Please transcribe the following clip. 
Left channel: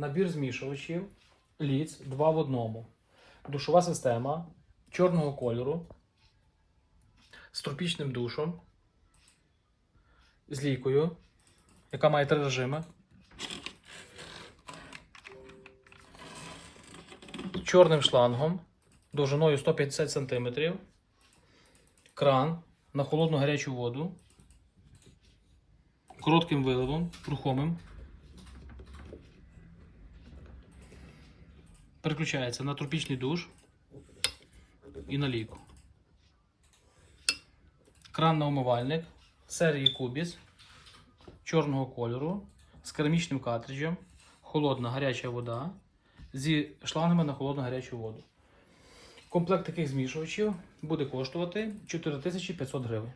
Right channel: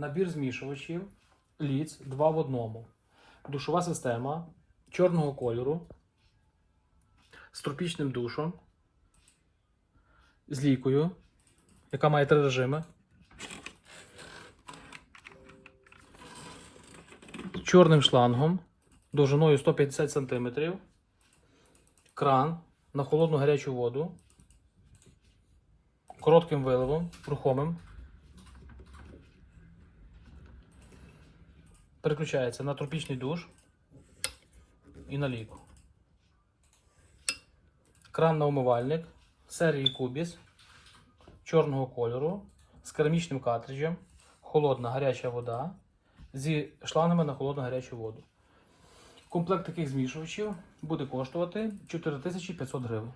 набір змішувачів ліц 2 в одному. Душова система чорного кольору з тропічним душем, з лікою, яка має три режими. Чорним шлангом довжиною 150 см. Кран на холодну гарячу воду. Коротким виливом, рухомим. Переключається на тропічний душ і на ліку. Кран на умивальник серії Кубіс чорного кольору з керамічним картриджем, холодна гаряча вода зі шлангами на холодну гарячу воду. Комплект таких змішувачів буде коштувати 4500 гривень.